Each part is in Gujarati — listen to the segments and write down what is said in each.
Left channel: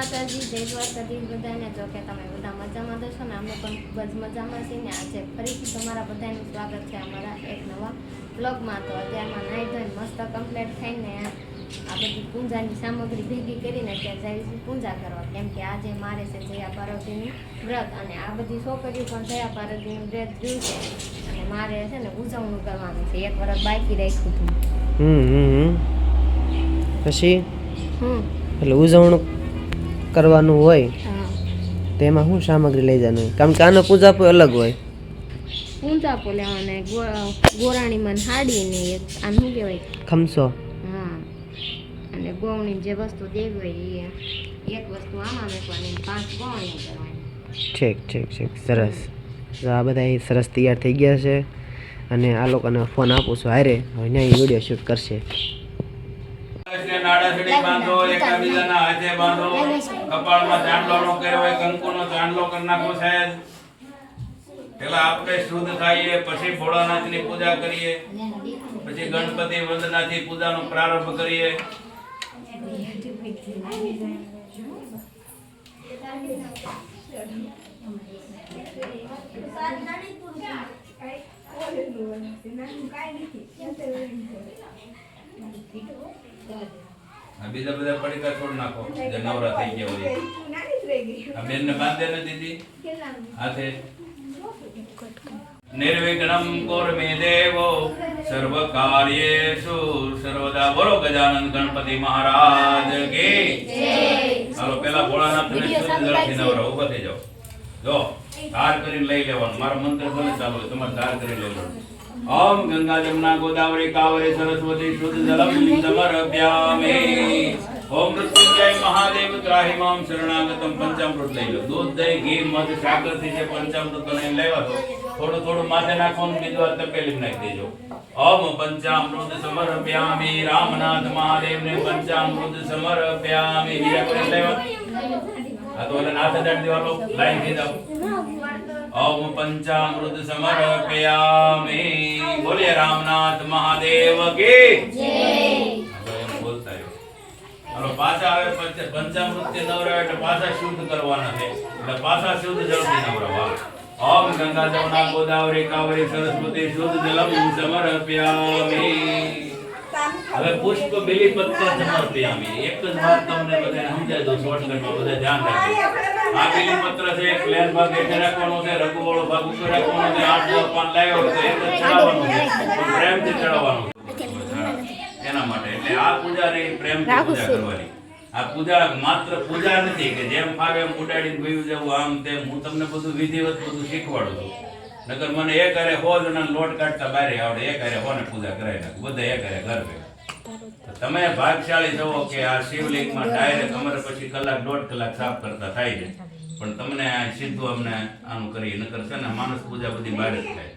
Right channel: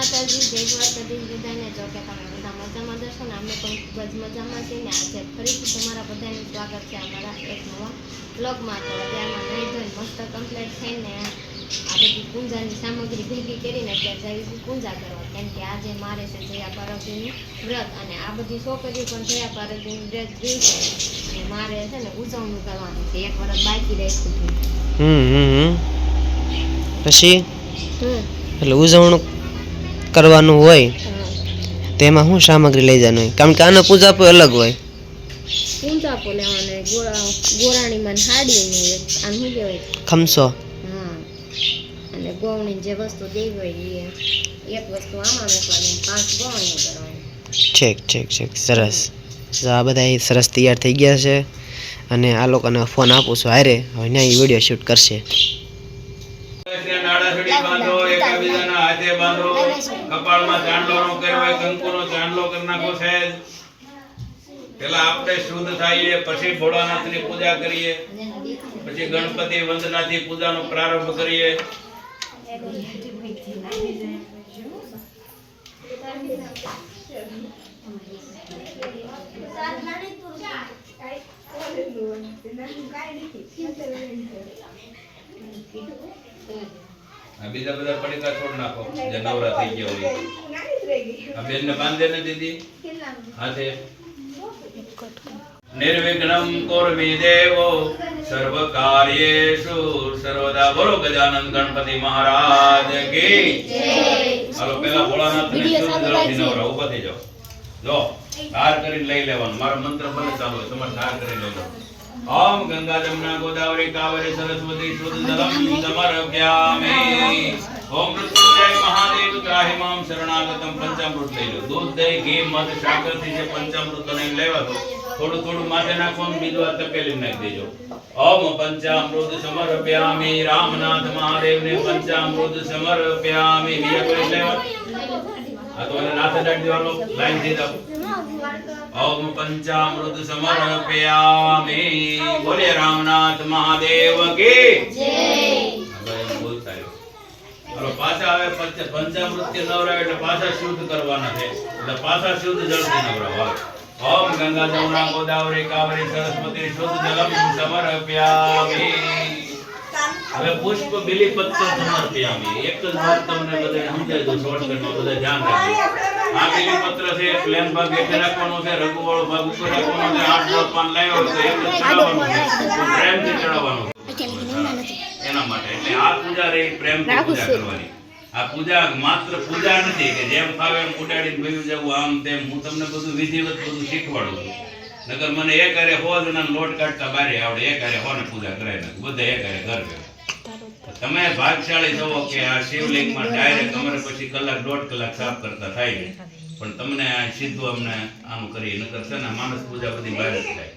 માતાજી, જય દ્વારકાધીશ બધાને. જો કે તમે બધા મજામાં દર્શો ને, અમે પણ ખૂબ જ મજામાં છીએ ને. આજે ફરીથી તમારા બધાનું સ્વાગત છે અમારા એક નવા બ્લોગમાં. તો અત્યારમાં નાઈ ધોઈને મસ્ત કમ્પ્લીટ થઈને આ બધી પૂજાની સામગ્રી ભેગી કરીને અત્યારે જઈશું પૂજા કરવા, કેમ કે આજે મારે છે જયા પાર્વતીનું વ્રત, અને આ બધી છોકરીઓ પણ જયા પાર્વતીનું વ્રત જોયું છે, અને મારે છે ને ઉજવણી કરવાનું છે. એક વર્ષ બાકી રાખ્યું હતું. પછી એટલે ઉજવણું કરવાનું હોય તેમાં શું સામગ્રી લઈ જવાનું હોય? કારણ કે આનો પૂજા પણ અલગ હોય. પૂંચા પોલેવાને ગોરાણી માં હાડી ને આમ શું કહેવાય, ખમસો. હા, અને ગોવણી જે વસ્તુ દેવી હોય એ એક વસ્તુ આમાં મૂકવાની, 5 ગોવણીઓ કરવાની. છેક સરસ. તો આ બધા સરસ તૈયાર થઈ ગયા છે, અને આ લોકોને ફોન આપું છું, હારે હવે ત્યાં વિડીયો શૂટ કરશે. બાંધો, એકબીજાના હાથે બાંધો, કપાળમાં ચાંદલો નો કહેવાય, કંકુનો ચાંદલો કરી નાખો સાહેબ. પેલા આપણે શુદ્ધ થઈએ, પછી ભોળાનાથની પૂજા કરીએ, પછી ગણપતિ વંદનાથી પૂજાનો પ્રારંભ કરીએ. બીજા બધા પડીકા છોડ નાખો જે નવરા થઈ ગયા હોય. આ બેન ને બાંધે ને દીદી હાથે. નિર્વિઘ્નમ કુર્મે દેવો સર્વ કાર્યેષુ સર્વદા. બોલો ગજાનંદ ગણપતિ મહારાજ કી જય. હાલો પેલા ભોળાનાથ ને શુદ્ધ જળથી નવરા. ઊભા થઈ જાઓ. જો ધાર કરીને લઈ લેવાનું. મારો મંત્ર ભલે ચાલુ હોય, તમારે ધાર કરી લેવાનું. ઓમ ગંગા જમના ગોદાવરી કાવેરી સરસ્વતી શુદ્ધ જલમ સમર્પ્યામિ. ઓમ મૃત્યુંજય મહાદેવ ત્રાહિ મામ શરણાગતમ. પંચામૃત લઈ લો. દૂધ, દહીં, ઘી, મધ, સાકર થી જે પંચામૃત નહીં લેવા તો થોડું થોડું માથે નાખવાનું, બીજું આ તપેલી નાખી દેજો. ઓમ પંચામૃત સમર્પ્યામિ. રામનાથ મહાદેવને પંચામૃત સમર્પ્યામિ. બીજા કોઈ લેવા આ તો એને નાથે દાટ દેવાનો. લાઈન થી જાઓ. ઓમ પંચામૃત સમર્પયામિ. બોલે રામનાથ મહાદેવ કી જય. હવે બોલતા હવે પાછા આવે પંચામૃત થી નવરાવે એટલે પાછા શુદ્ધ કરવાના છે, એટલે પાછા શુદ્ધ જળથી નવરાવા. ઓમ ગંગા જમુના ગોદાવરી કાવેરી સરસ્વતી શુદ્ધ જલમ સમર્પયામિ. હવે પુષ્પ બિલીપત્ર સમર્પયામિ. એક જ વાત તમને બધાને સમજાય દો શોર્ટકટમાં, બધા ધ્યાન રાખજો. આ બિલીપત્ર છે, પ્લેન ભાગ હેઠે રાખવાનો છે, રઘુવાળો ભાગ ઉપર રાખવાનો છે. 8 પાન લાવ્યો તો એક જ ચડાવવાનું છે, પ્રેમથી ચડાવવાનું એના માટે. એટલે આ પૂજા રહી પ્રેમથી પૂજા કરવાની. આ પૂજા માત્ર પૂજા નથી કે જેમ ફાવે એમ ઉડાડીને ભયું જવું આમ તેમ. હું તમને બધું વિધિવત બધું શીખવાડું છું. નકર મને એક હારે 100 જણાને લોટ કાઢતા બારે આવડે, એક હારે 100 ને પૂજા કરાવી નાખ, બધા એક હારે ઘર ભેગા. તમે ભાગશાળી છો કે આ શિવલિંગમાં ડાયરેક્ટ અમારે પછી કલાક 1.5 કલાક સાફ કરતા થાય છે, પણ તમને આ સીધું અમને આનું કરી. નકર છે ને માણસ પૂજા બધી બહાર જ થાય.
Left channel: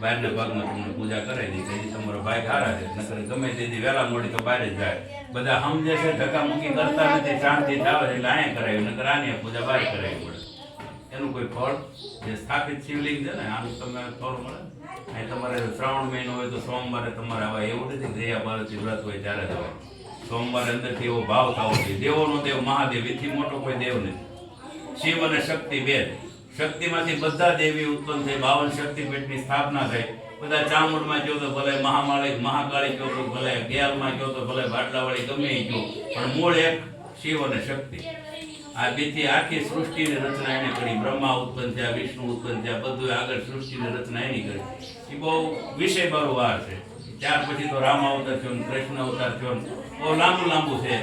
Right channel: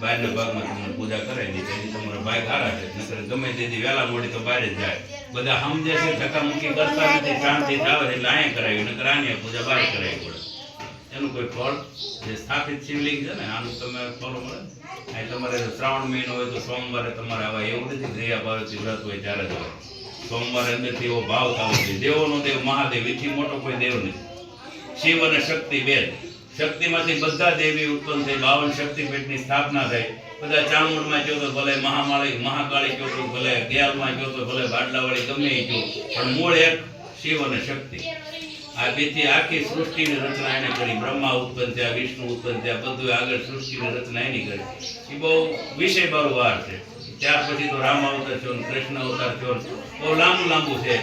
બહારના ભાગમાં તમને પૂજા કરાવી દે તેથી તમારો ભાગ હારા છે. નકર ગમે તેથી વહેલા મોડી તો બહાર જ જાય. બધા સમજે છે, ધક્કામુક્કી કરતા નથી, શાંતિ થાય એટલે અહીંયા કરાવી, નકર આની પૂજા બહાર કરાવી પડે. એનું કોઈ ફળ જે સ્થાપિત શિવલિંગ છે ને આનું તમે ફળ મળે. અહીં તમારે શ્રાવણ મહિનો હોય તો સોમવારે તમારે આવા એવું નથી જયા પાર્વતી વ્રત હોય ત્યારે જ હોય. સોમવારે અંદરથી એવો ભાવ થવો જોઈએ. દેવોનો દેવ મહાદેવ, એથી મોટો કોઈ દેવ નથી. શિવ અને શક્તિ બે. શક્તિમાંથી બધા દેવી ઉત્પન્ન થઈ, 52 શક્તિપીઠની સ્થાપના થઈ. બધા ચામુંડમાં કહો તો ભલે, મહામાળી મહાકાળી કહો તો ભલે, ગેલમાં કહો તો ભલે, બાટલાવાળી ગમે એ કહો, પણ મૂળ એક શિવ અને શક્તિ. આ બેથી આખી સૃષ્ટિની રચના એને કરી. બ્રહ્મા ઉત્પન્ન થયા, વિષ્ણુ ઉત્પન્ન થયા, બધું આગળ સૃષ્ટિની રચના એની કરી. એ બહુ વિષય બારું વાર છે. ત્યાર પછી તો રામ અવતાર થયો, કૃષ્ણ અવતાર થયો, બહુ લાંબુ છે.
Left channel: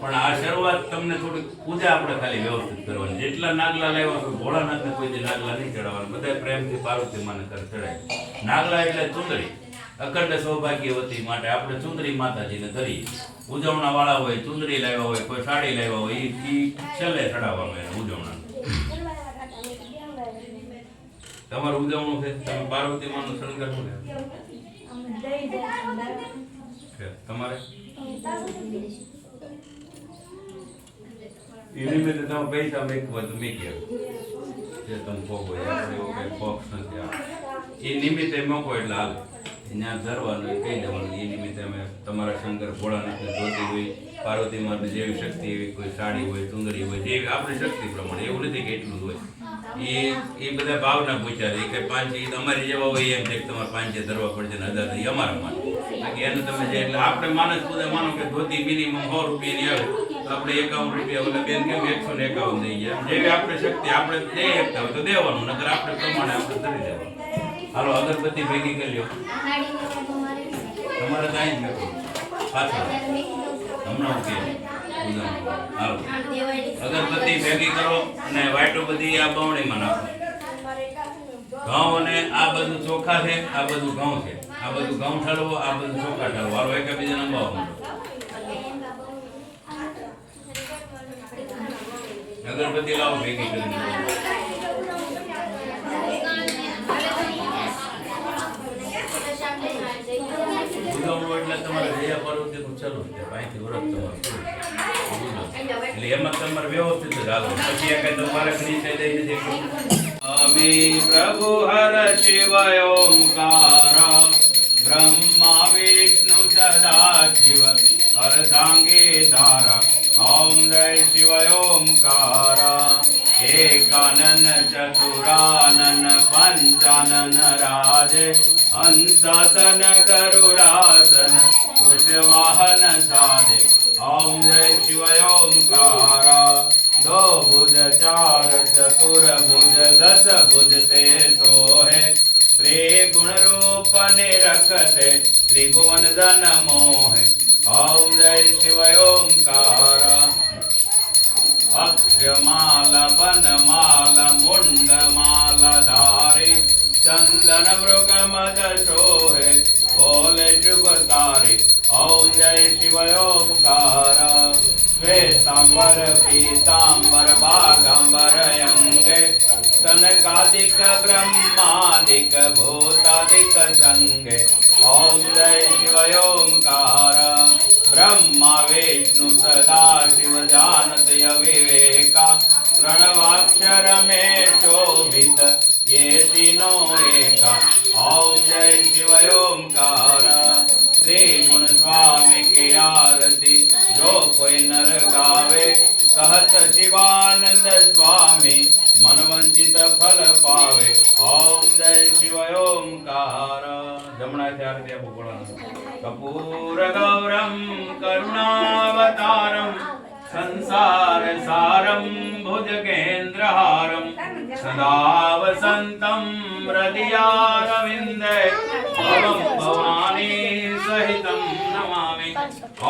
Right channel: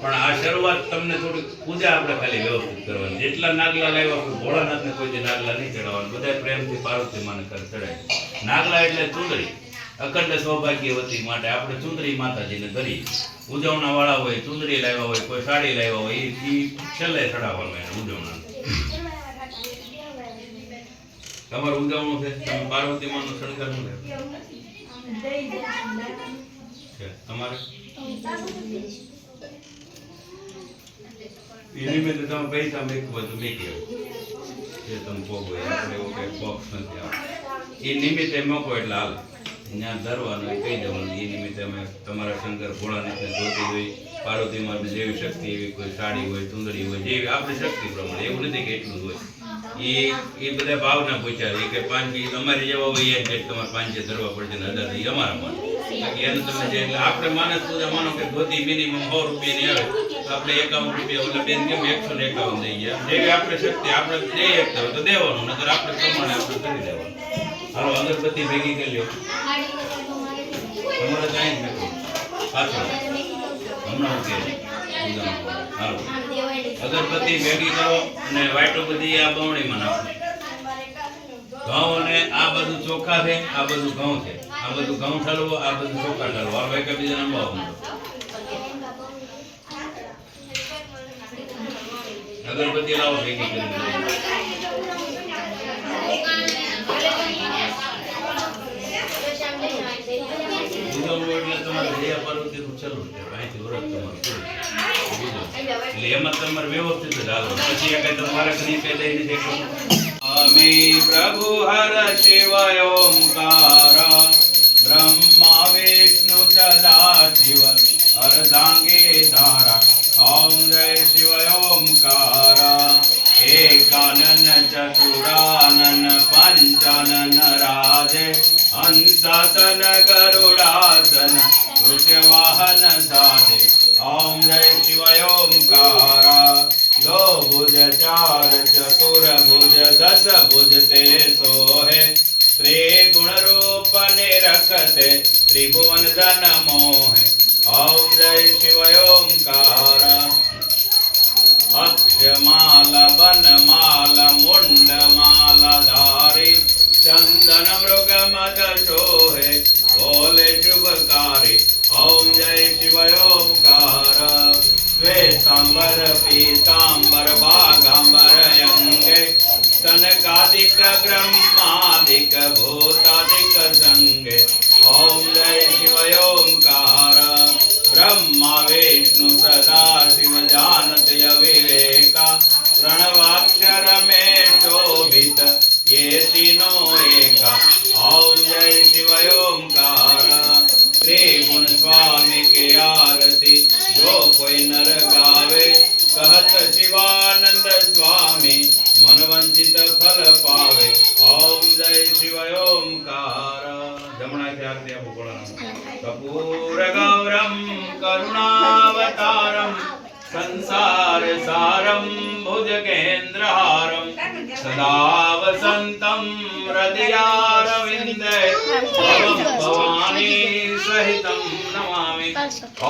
પણ આ શરૂઆત તમને થોડીક પૂજા આપણે ખાલી વ્યવસ્થિત કરવાની. જેટલા નાગલા લાવ્યા હોય ભોળાનાથને કોઈ નાગલા નહીં ચડાવવાનું, બધા પ્રેમથી પાર્વતી માને ચડાય. નાગલા એટલે ચુંદડી, અખંડ સૌભાગ્યવતી માટે આપણે ચુંદડી માતાજીને કરી. ઉજવણા વાળા હોય ચુંદડી લાવ્યા હોય, કોઈ સાડી લાવ્યા હોય, એ છેલ્લે ચડાવવાનું એને ઉજવણા. તમારું ઉજવણું છે, તમે પાર્વતી માનું શણગારનું છે તમારે. એ નિમિત્તે તમે પૈસા મેકવા તો મેકી જે તમે પોગો આપણે એવું કંઈ બોક્સ નથી આવે. એ નિમિત્તે મૂકો એટલે હાલે. ત્યાં ધરવાનું કહી દેવાનું. એ નિમિત્તે અમે તમારા શંકર ભોળાનાથને જોતી હોય પાર્વતી માની જેવી શક્તિ એવી કોઈ સાડી હોય સુંદરી હોય જેવી આપણી શક્તિ પ્રમાણે, એવું નથી કે એટલું જ હોય. એ બધા ભાવના પૂછ્યા છે કે પાંચી તમારી જેવા હોય એમ છે કે તમારે પાંચે ધરવા પડશે ને 1000 એ અમારા માન. બાકી એને તમે જે એટલે આપણે માનસ પૂજા માનો કે ધોતી મિનિમમ 100 રૂપિયાની આવે તો આપણે 51 રૂપિયા ઓલા બેન કેમ 151 દઈ ગયા. જેવી આપણી શક્તિ આપણે દઈ શકતા હોય તો દેવાનું, નકર આપણે પ્રમાણે આપણે કરી દેવાનું. હાલો અગરબત્તી ભેગી કરી લ્યો. તમારે ત્યાં જ મેકો પાછળ હમણાં કે હાલો અગરબત્તી ભેગી કરો અને વાટો બધી આ બવણીમાં નાખો. ઘઉં અને આ બધું ચોખા છે, આ બધું ઘઉં છે, આ બધું ઘઉં ઠલવો, આ બધું ચોખા ઠલવો. હાલો એકબીજાને અંબાવો. અગરબત્તી લાવો ભેગી કરીને. એટલે તમારે જયા પાર્વતી નું ચાલુ છે, અહીંથી વ્રત તમારું પૂરું. એટલે એમાં તમારે વ્યવસ્થિત જ હાલો. પછી આ કઈ તમારે કઈ કઈ દઈ નથી. અમે પ્રભુ હર શિવ ઓમકાર બ્રહ્મા વિષ્ણુ સદા શિવ અર્ધાંગે ધારા ઓમ જય શિવ ઓમકાર એકાનન ચતુરાનન પંચાનન રાજે હંસાસન ગરુડાસન વૃષવાહન સાધે ઓમ જય શિવ ઓમકાર दो भुज चार चतुर भुज दस भुज ते सोहे त्रिगुण रूप निरखते त्रिभुवन जन मोहे ओम जय शिव ओमकार अक्षमाला बनमाला मुंडमाला धारी चंदन मृग मद सोहे बोले शुभकारी ओम जय शिव ओमकार श्वेतांबर पीतांबर बागांबर अंगे तनकादिक ब्रह्मादिक भूतादिक संगे ओम जय शिव ओमकार ब्रह्मा विष्णु सदा शिव जानत अविवेका प्रणवाक्षर में शोभित ये तीनों एका ओम जय शिव ओमकार त्रिगुण स्वामी की आरती जो कोई नर गावे कहत शिवानंद स्वामी मन वंचित फल पावे ओम जय शिव ओमकार जमुना से आरती आपको बोला कपूर गौरम करुणावतारम संसार सारम भुजगेन्द्रहारम सदा वसंतम हृदयारविंदे भवं भवानी सहितं नमामि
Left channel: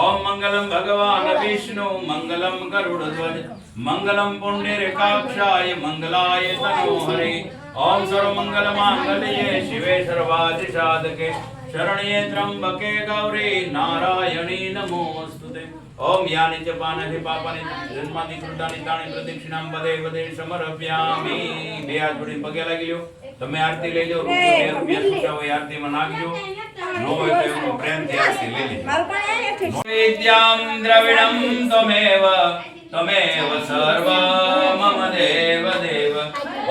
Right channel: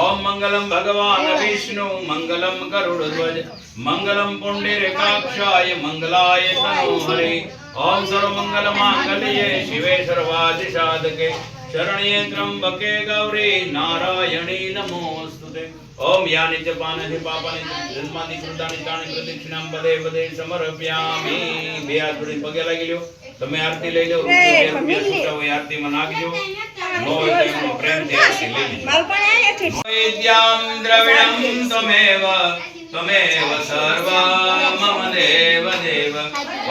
ओम मंगलम भगवान विष्णु मंगलम गरुड़ध्वज मंगलम पुंडरीकाक्षाय मंगलाय तनोहरे ओम सर्वमंगल मांगल्ये शिवे सर्वाधिसाधके शरण्ये त्र्यंबके गौरी नारायणी नमोस्तुते ओम यानि च पानि पापानि जन्मादि कृतानि तानि प्रदक्षिणां पदे पदे समर्पयामि બે હાથ જોડી પગે લાગી લ્યો તમે આરતી લઈ લો રૂપિયા છૂટા હોય આરતીમાં નાખજો નો હોય તો એનો પ્રેમથી આરતી લઈ લેજો વિદ્યાં દ્રવિડં તમેવ તમેવ સર્વ મમ દેવ દેવ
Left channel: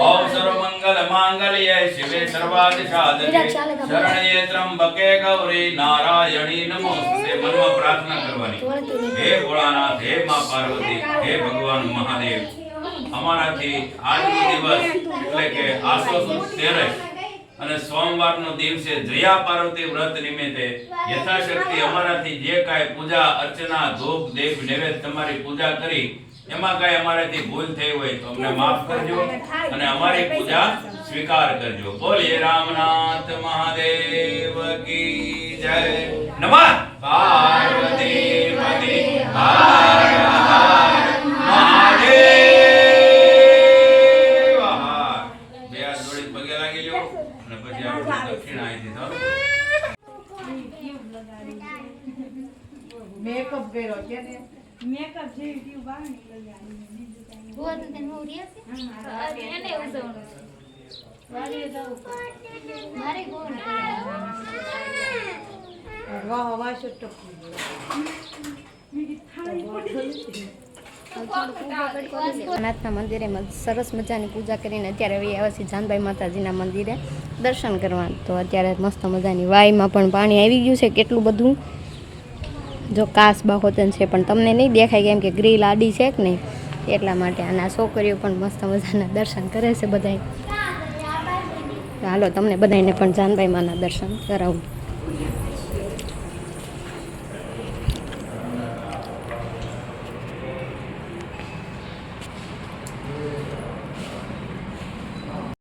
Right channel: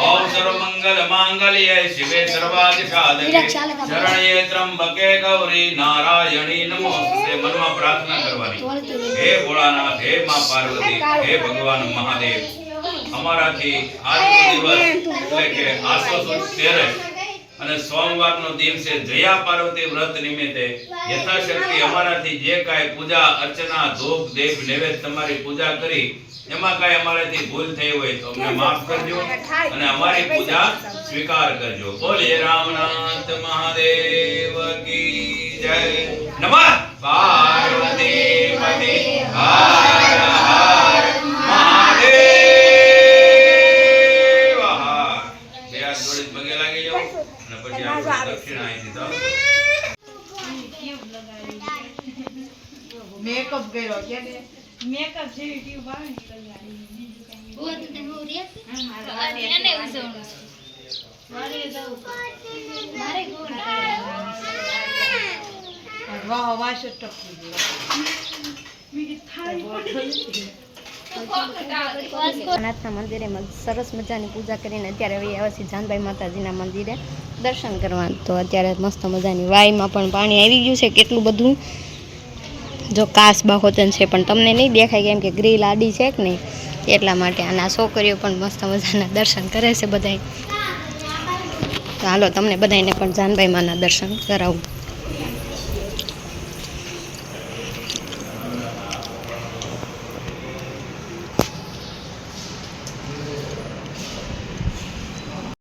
ઓમ સર્વમંગલ માંગલ્યે શિવે સર્વાર્થ સાધકે શરણ્યે ત્રંબકે ગૌરી નારાયણી નમોસ્તે મનમાં પ્રાર્થના કરવાની હે ભોળાનાથ હે માં પાર્વતી હે ભગવાન મહાદેવ અમારાથી આજનો દિવસ એટલે કે આસો સુદ 13 અને સોમવારનો દિવસે જયા પાર્વતી વ્રત નિમિત્તે યથાશક્તિ અમારાથી જે કાંઈ પૂજા અર્ચના ધૂપ દીપ નૈવેદ્ય તમારી પૂજા કરી એમાં કાંઈ અમારાથી ભૂલ થઈ હોય તો અમને માફ કરજો અને અમારી પૂજા સ્વીકાર કરજો બોલીએ રામનાથ મહાદેવ की जय नमः पार्वती पति हर हर महादेव બે હાથ જોડી પગે લાગી જાઓ અને પછી આપણે દક્ષિણા અહીંથી ચાલો મેકઅપ કર્યો કે ને મેકઅપ જેવી ટ્યુબ આવે ને તો યાર ગોવા તો તને હું રે છે એને ઉસવણું મારે જાવું મારે ગોવા વાહ વાહ છે ટપકી ગયો નાથના મંદિરે સરસ મજાની પૂજા કરીને અત્યારે હવે આવ્યા છીએ જાનભાઈ માતાજીના મંદિરે દર્શન કરવા. તો અત્યારે મસ્ત મજાની વાયમાં પણ પાણી આવી ગયું છે કેટલું બધું જો કાસબા હોતન છે પણ તમને નહીં દેખાય કેમ કે ગ્રીલ આડી છે કે નહીં એટલા માટે. અને આ છોકરીઓ પણ મસ્ત મજાના દર્શન કરે છે બધાય. તો હાલો તમને બધાને પણ જાનભાઈ માના દર્શન કરાવું.